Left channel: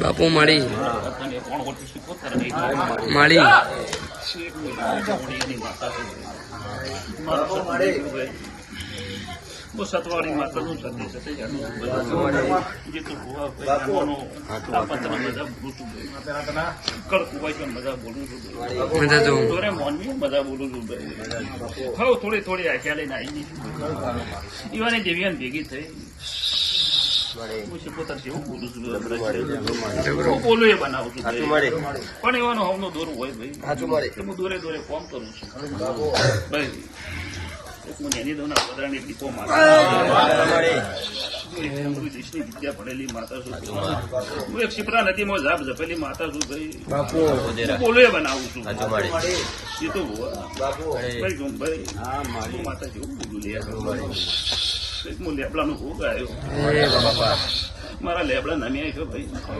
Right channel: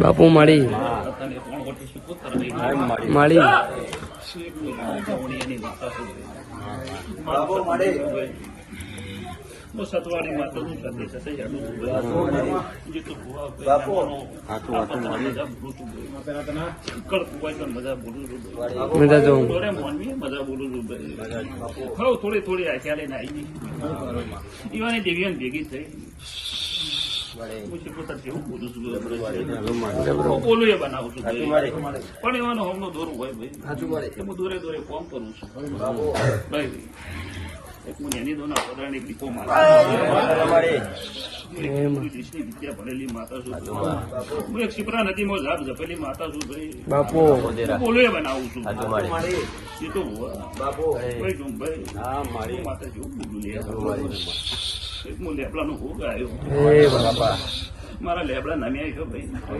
બાપુ મળી મળી वो सतवाड़ी माता नु सते सते जानु ये तो हुआ आपन मजा बोलू तू कल कुवाई का मजा बोलू तू मजा जो तोरे मन में मजा बोलू तू हाउ थोड़ी थोड़ी आख्या लेना आई ईवाने देवियन भेगी થઈ मुझे પોતા જેવું બોલું છું બોલું એ બનાવું છું પણ એવાનો હમનો દોર હોય ભાઈ સાચું મળે હું દોરે દોરે કોમ કરું છું ભાઈ એક હું એની દોના પદરાની દીપો દેશની વિદ્યા ભણેલી માતા છું હું એક શિપરા નદીમાં ઝાપ ઝપેલી માતા છું ભાઈ બોલો એ બનાવું છું એ તો ભાઈ જો ભાઈ હું માતા જેવું બોલું લે હું લેબડાનો ભોગ આવ્યો મારા લેબડા નામ્યા છો ભાઈ